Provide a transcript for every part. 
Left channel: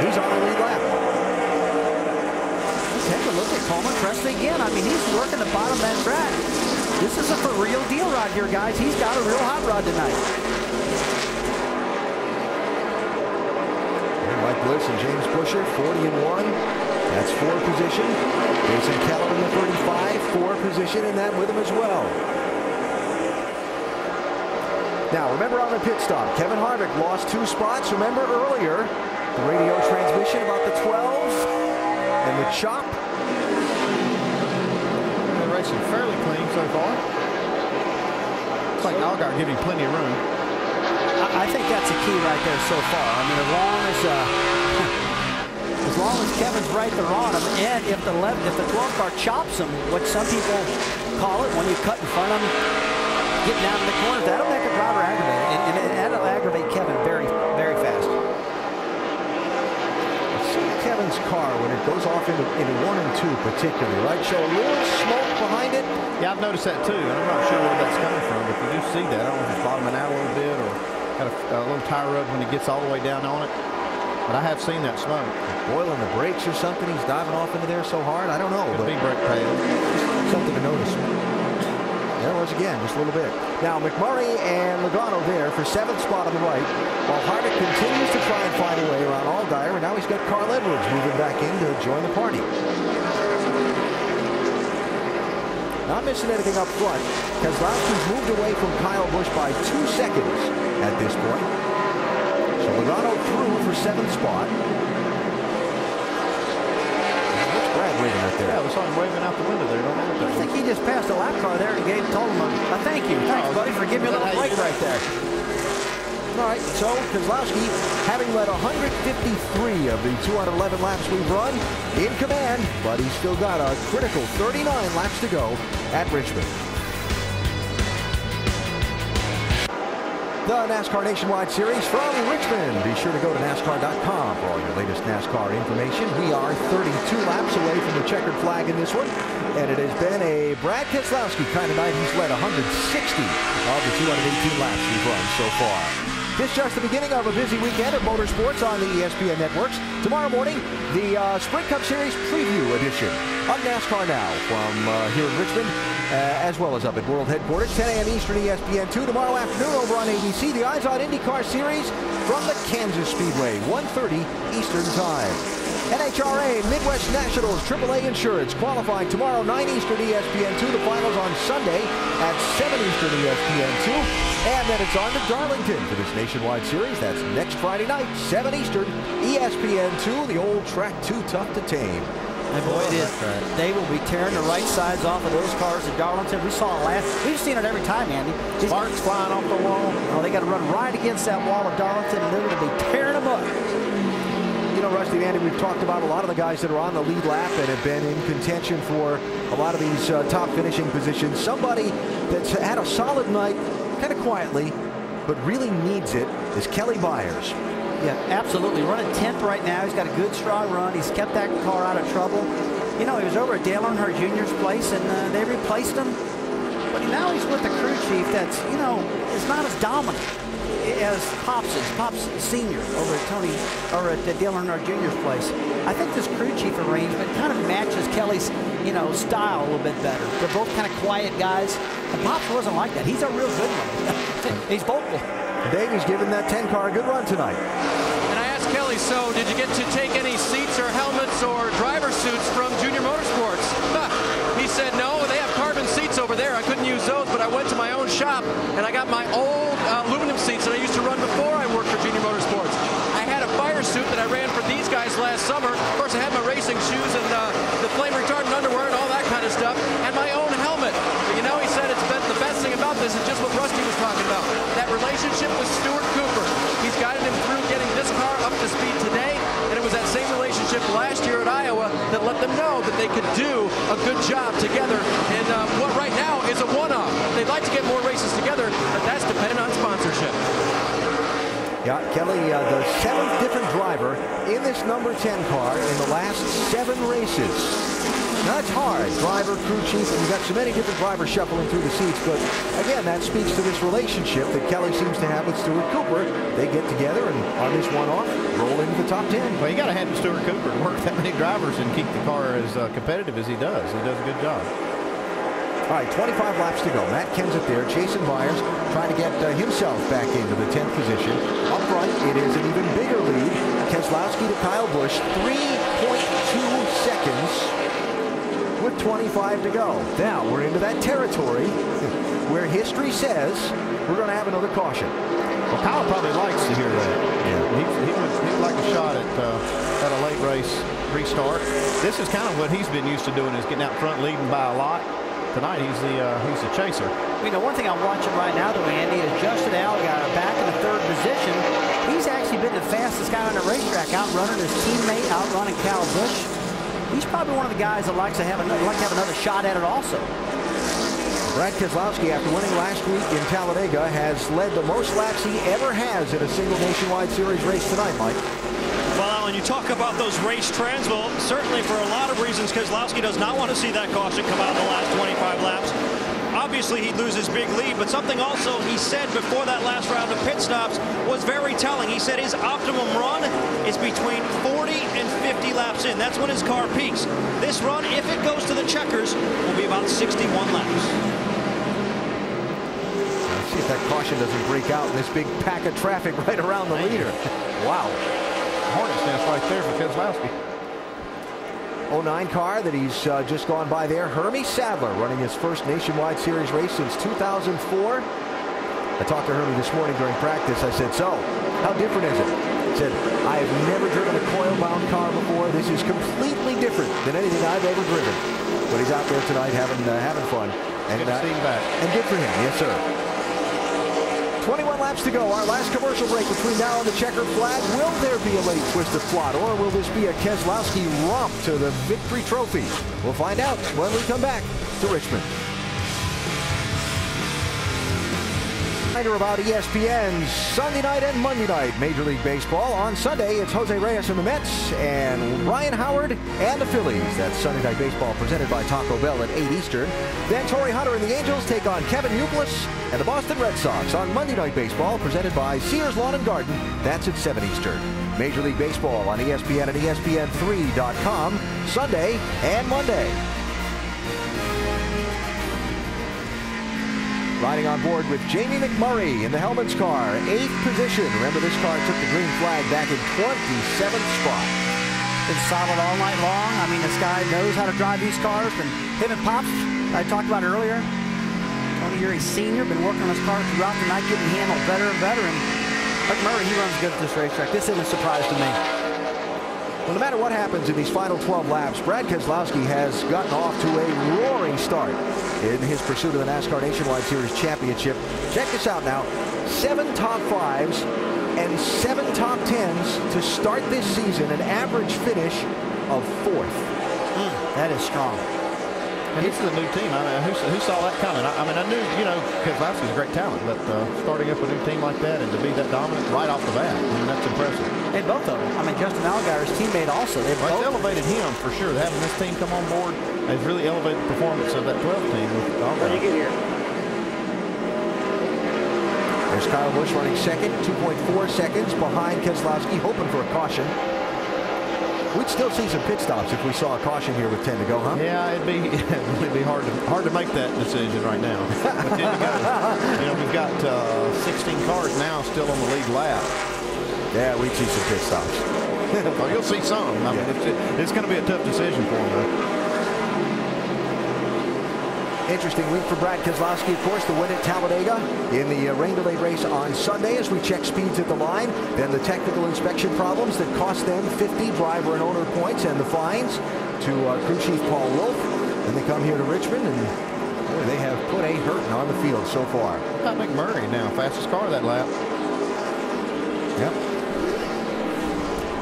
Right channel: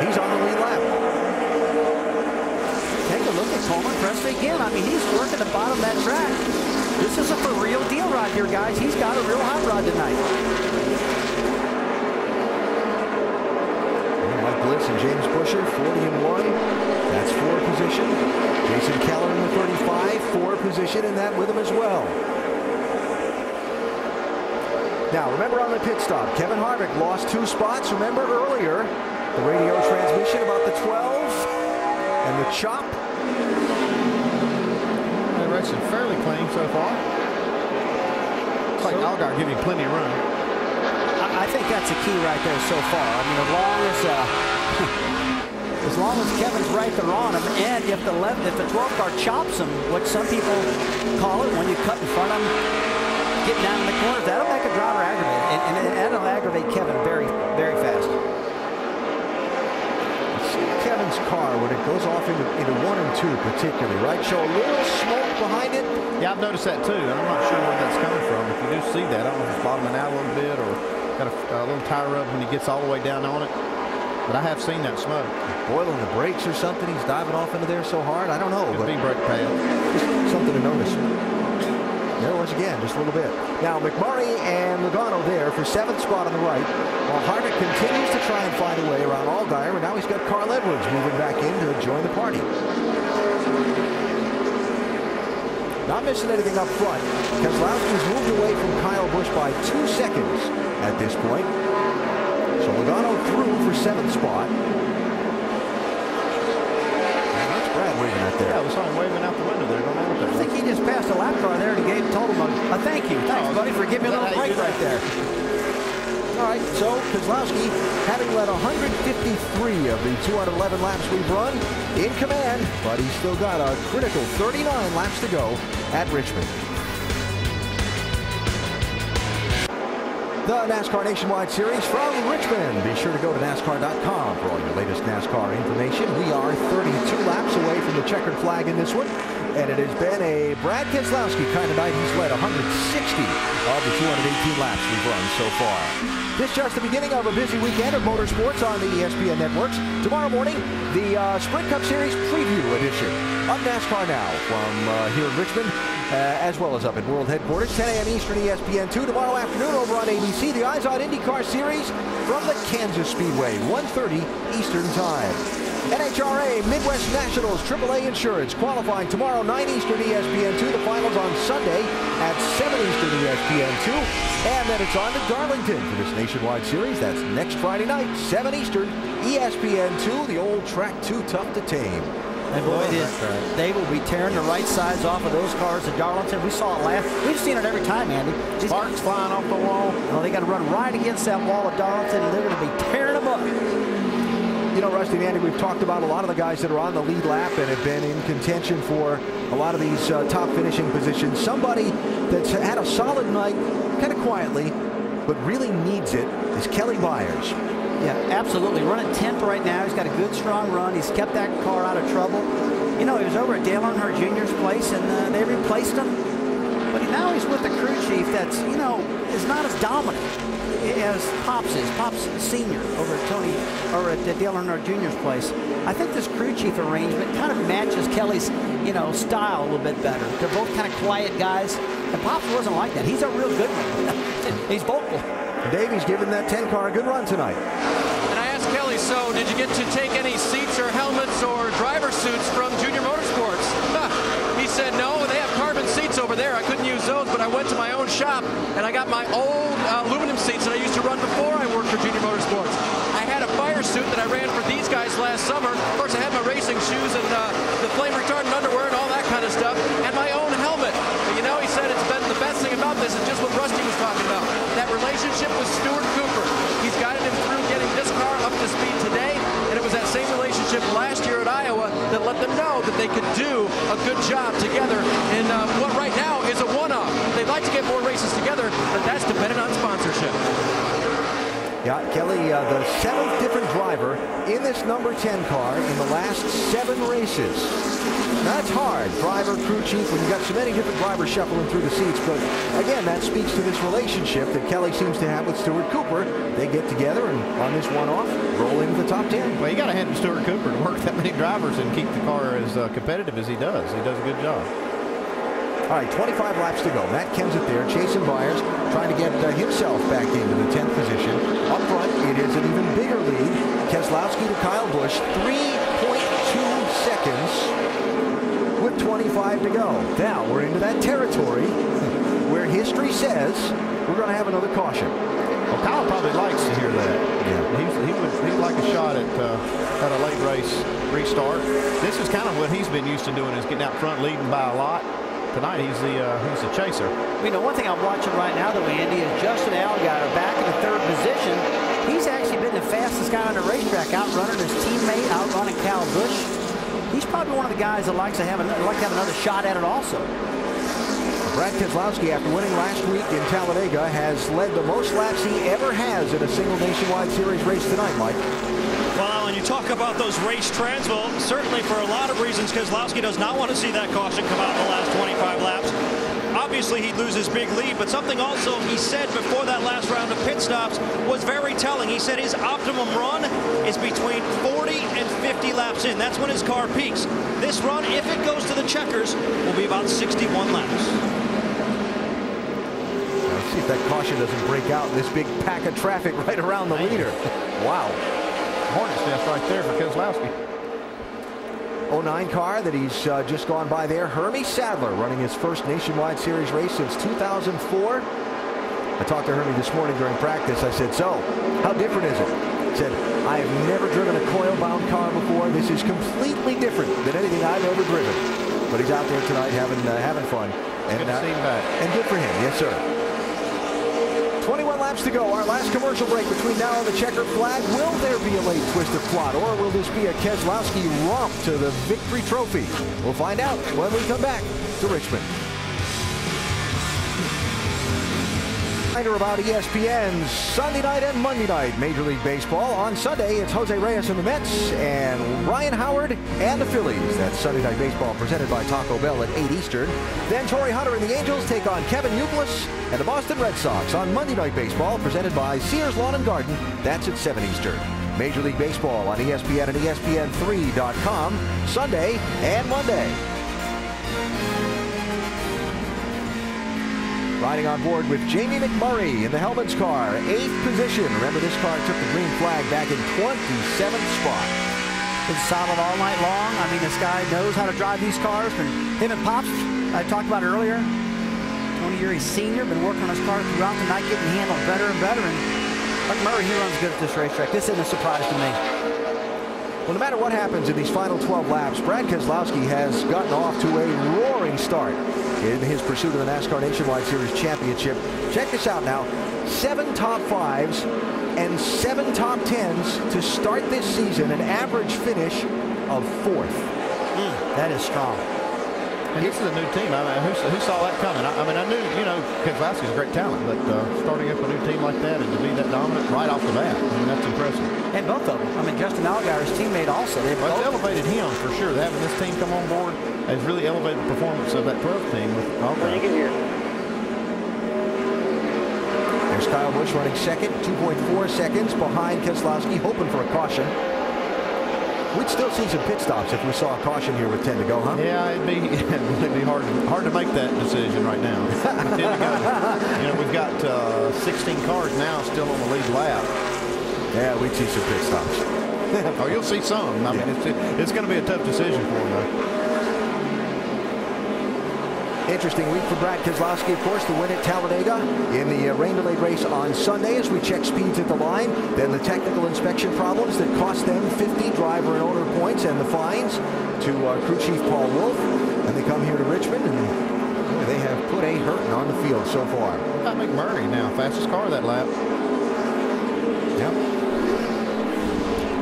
He's on the lead lap. Well, take a look at Coleman Presley again. I mean, he's working the bottom of that track. This is a for real deal rod here, guys. He's got a real hot rod tonight. And Mike Bliss and James Buescher, 40-1. That's 4 position. Jason Keller in the 35, 4 position, and that with him as well. Now, remember on the pit stop, Kevin Harvick lost 2 spots. Remember earlier, the radio transmission about the 12 and the chop. The race is fairly clean so far. It's like Allgaier giving him plenty of room. I think that's a key right there so far. I mean, as long as Kevin's right there on him, and if the 12 car chops him, what some people call it when you cut in front of him, getting down in the corners, that'll make a driver aggravated, and that'll aggravate Kevin very, very fast. See Kevin's car when it goes off into 1 and 2 particularly, right? Show a little smoke behind it. Yeah, I've noticed that too, and I'm not sure where that's coming from. If you do see that, I don't know if it's bottoming out a little bit or got a little tire rub when he gets all the way down on it. But I have seen that smoke. Boiling the brakes or something. He's diving off into there so hard. I don't know. Could be brake pad. Just something to notice. There it was again, just a little bit. Now McMurray and Logano there for 7th spot on the right, while Harvick continues to try and find a way around Allgaier, and now he's got Carl Edwards moving back in to join the party. Not missing anything up front. Keselowski's moved away from Kyle Busch by 2 seconds at this point. So Logano through for 7th spot. What's Brad waving out there? Yeah, we saw him waving out the window there. Don't know what that was. I think he just passed a lap car there and told him a thank you. Thanks, buddy, for giving me a little break right there. All right, so Keselowski, having led 153 of the 211 laps we've run, in command, but he's still got a critical 39 laps to go at Richmond. The NASCAR Nationwide Series from Richmond. Be sure to go to NASCAR.com for all your latest NASCAR information. We are 32 laps away from the checkered flag in this one, and it has been a Brad Keselowski kind of night. He's led 160 of the 218 laps we've run so far. This just the beginning of a busy weekend of motorsports on the ESPN networks. Tomorrow morning, the Sprint Cup Series preview edition of NASCAR Now from here in Richmond, as well as up at World Headquarters, 10 a.m. Eastern, ESPN2. Tomorrow afternoon over on ABC, the Eyes on IndyCar Series from the Kansas Speedway, 1:30 Eastern Time. NHRA Midwest Nationals AAA Insurance qualifying tomorrow 9 Eastern ESPN2. The finals on Sunday at 7 Eastern ESPN2. And then it's on to Darlington for this Nationwide Series. That's next Friday night, 7 Eastern ESPN2. The old track too tough to tame. And boy, they will be tearing the right sides off of those cars at Darlington. We saw it last. We've seen it every time, Andy. Sparks flying off the wall. Oh, they got to run right against that wall of Darlington, and they're going to be tearing them up. You know, Rusty and Andy, we've talked about a lot of the guys that are on the lead lap and have been in contention for a lot of these top finishing positions. Somebody that's had a solid night, kind of quietly, but really needs it, is Kelly Byers. Yeah, absolutely. Running 10th right now. He's got a good, strong run. He's kept that car out of trouble. You know, he was over at Dale Earnhardt Jr.'s place, and they replaced him. But now he's with the crew chief that's, you know, is not as dominant as Pops is. Pops Sr. over at Dale Earnhardt Jr.'s place. I think this crew chief arrangement kind of matches Kelly's, you know, style a little bit better. They're both kind of quiet guys, and Pops wasn't like that. He's a real good one. He's vocal. Davies giving that 10 car a good run tonight. And I asked Kelly, so did you get to take any seats or helmets or driver suits from Junior Motorsports? He said, no, they have carbon seats over there. I couldn't use those, but I went to my own shop and I got my old aluminum seats that I used to run before I worked for Junior Motorsports. I had a fire suit that I ran for these guys last summer. Of course, I had my racing shoes and the flame retardant underwear and all that kind of stuff, and my own helmet. But, you know, he said it's been the best thing about this is just what Rusty was talking about. That relationship with Stuart Cooper. He's guided him through getting this car up to speed today, and it was that same relationship last year at Iowa that let them know that they could do a good job together in what right now is a one-off. They'd like to get more races together, but that's dependent on sponsorship. Yeah, Kelly, the 7th different driver in this number 10 car in the last 7 races. Now, that's hard. Driver, crew chief, when you got so many different drivers shuffling through the seats. But again, that speaks to this relationship that Kelly seems to have with Stuart Cooper. They get together and on this one-off, roll into the top 10. Well, you got to hand it to Stuart Cooper to work that many drivers and keep the car as competitive as he does. He does a good job. All right, 25 laps to go. Matt Kenseth there, chasing Byers, trying to get himself back into the 10th position. Up front, it is an even bigger lead. Keselowski to Kyle Busch, 3.2 seconds with 25 to go. Now we're into that territory where history says we're going to have another caution. Well, Kyle probably likes to hear that. Yeah, he'd like a shot at a late race restart. This is kind of what he's been used to doing, is getting out front, leading by a lot. Tonight he's the chaser. You know, one thing I'm watching right now, though, Andy, is Justin Allgaier back in the 3rd position. He's actually been the fastest guy on the racetrack, outrunning his teammate, outrunning Kyle Busch. He's probably one of the guys that likes to have another shot at it also. Brad Keselowski, after winning last week in Talladega, has led the most laps he ever has in a single Nationwide Series race tonight, Mike. Well, when you talk about those race trends, well, certainly for a lot of reasons, Keselowski does not want to see that caution come out in the last 25 laps. Obviously, he'd lose his big lead, but something also he said before that last round of pit stops was very telling. He said his optimum run is between 40 and 50 laps in. That's when his car peaks. This run, if it goes to the checkers, will be about 61 laps. Now, let's see if that caution doesn't break out in this big pack of traffic right around the leader. Wow. Hornet's nest right there for Keselowski. 09 car that he's just gone by there. Hermie Sadler running his first Nationwide Series race since 2004. I talked to Hermie this morning during practice. I said, so how different is it? He said, I have never driven a coil-bound car before. This is completely different than anything I've ever driven. But he's out there tonight having fun. And good to see him back. And good for him. Yes, sir. 21 laps to go. Our last commercial break between now and the checkered flag. Will there be a late twist of plot, or will this be a Keselowski romp to the victory trophy? We'll find out when we come back to Richmond. Reminder about ESPN's Sunday night and Monday night Major League Baseball. On Sunday, it's Jose Reyes and the Mets and Ryan Howard and the Phillies. That's Sunday Night Baseball presented by Taco Bell at 8 Eastern. Then Torrey Hunter and the Angels take on Kevin Youkilis and the Boston Red Sox on Monday Night Baseball presented by Sears Lawn and Garden. That's at 7 Eastern. Major League Baseball on ESPN and ESPN3.com Sunday and Monday. Riding on board with Jamie McMurray in the Hellman's car, 8th position. Remember, this car took the green flag back in 27th spot. Been solid all night long. I mean, this guy knows how to drive these cars. Him and Pops, I talked about earlier. Tony Eury Sr. been working on his car throughout the night, getting handled better and better. And McMurray, he runs good at this racetrack. This isn't a surprise to me. Well, no matter what happens in these final 12 laps, Brad Keselowski has gotten off to a roaring start in his pursuit of the NASCAR Nationwide Series Championship. Check this out now. 7 top 5s and 7 top 10s to start this season, an average finish of 4th. That is strong. And this is a new team. I mean, who saw that coming? I mean, I knew, Keselowski's a great talent, but starting up a new team like that and to be that dominant right off the bat, I mean, that's impressive. And both of them. I mean, Justin Allgaier's teammate also. They've both elevated him for sure. Having this team come on board has really elevated the performance of that 12 team with Allgaier. When you get here. There's Kyle Busch running second, 2.4 seconds behind Keselowski, hoping for a caution. We'd still see some pit stops if we saw a caution here with 10 to go, huh? Yeah, it'd be hard to make that decision right now. With 10 to go. We've got 16 cars now still on the lead lap. Yeah, we'd see some pit stops. Oh, you'll see some. I mean, it's going to be a tough decision for him, though. Interesting week for Brad Keselowski, of course, the win at Talladega in the rain-delayed race on Sunday as we check speeds at the line. Then the technical inspection problems that cost them 50 driver and owner points and the fines to crew chief Paul Wolf. And they come here to Richmond, and boy, they have put a hurting on the field so far. Got McMurray now, fastest car that lap. Yep.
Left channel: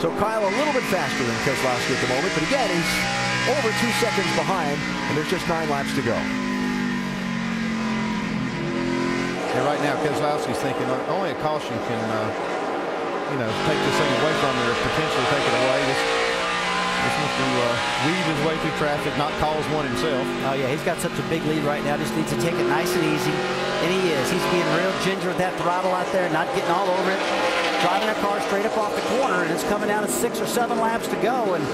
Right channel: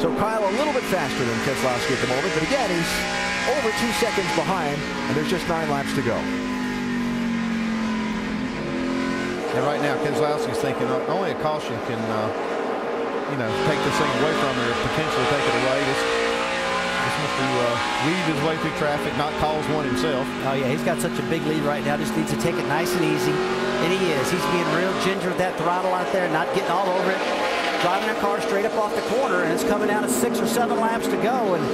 So Kyle a little bit faster than Keselowski at the moment, but again, he's over 2 seconds behind, and there's just 9 laps to go. Yeah, right now Keselowski's thinking only a caution can, take this thing away from me or potentially take it away. Just wants to weave his way through traffic, not cause one himself. Oh, yeah, he's got such a big lead right now. Just needs to take it nice and easy. And he is. He's being real ginger with that throttle out there, not getting all over it. Driving a car straight up off the corner, and it's coming down to 6 or 7 laps to go. And